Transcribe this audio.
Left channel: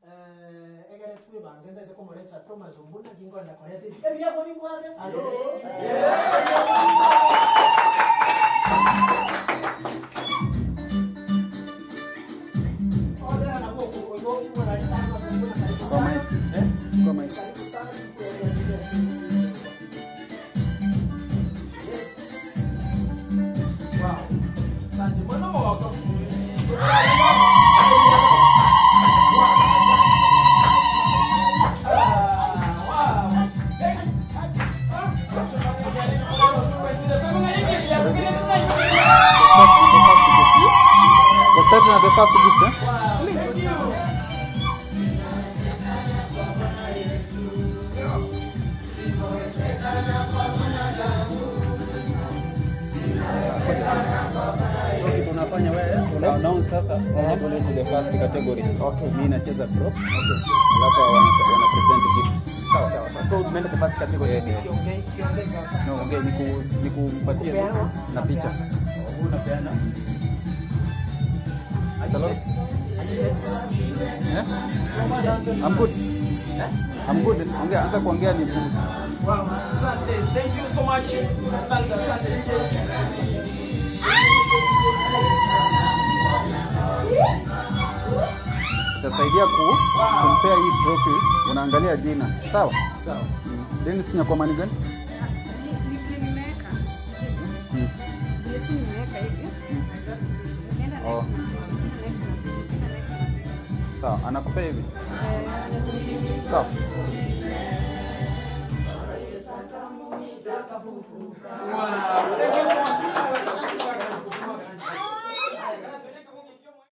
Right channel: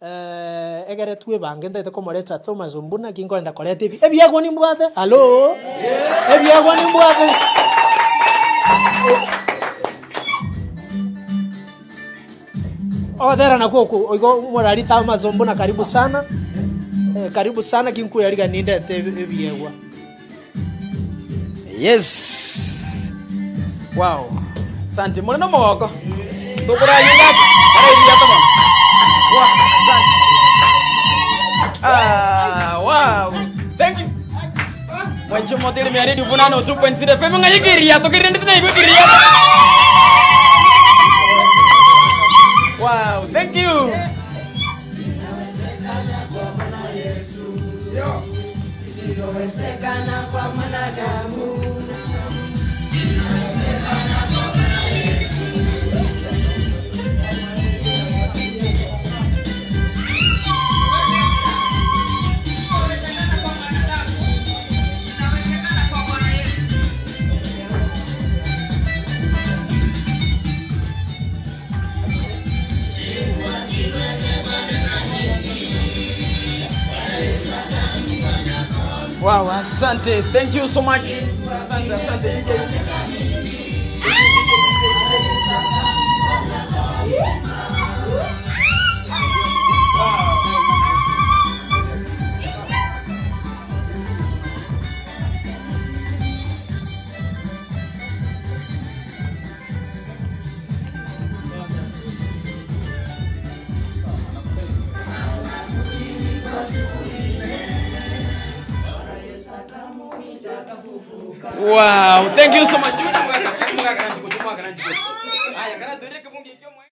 egere twe bange ndete komorecha Thomas Ombuna kinkorenda koreta ebi ebiagwa nimbwate hallo ebiagwa nimbwate odera na koko oigo morari Thomas Ombuna karibu sana kinku yariga nindete ebiagwa. Yes. Wow. Asante. Mbona mwako? Ndokora yinga. Wow. Asante. Wow. Thank you. Wancho modeli mi aridi bunano 2.0 FM ngayikiria to kirende tena ibukiria. Wow. Thank you. Wow, asante. Thank you so much. Asante. Tutasaidia kumpea hii trophy. Unaangalia jina. Sawa? Then sina kwa mani gani? Oh. Sawa, anakupa hivi. Sawa. Wow, thank you so much.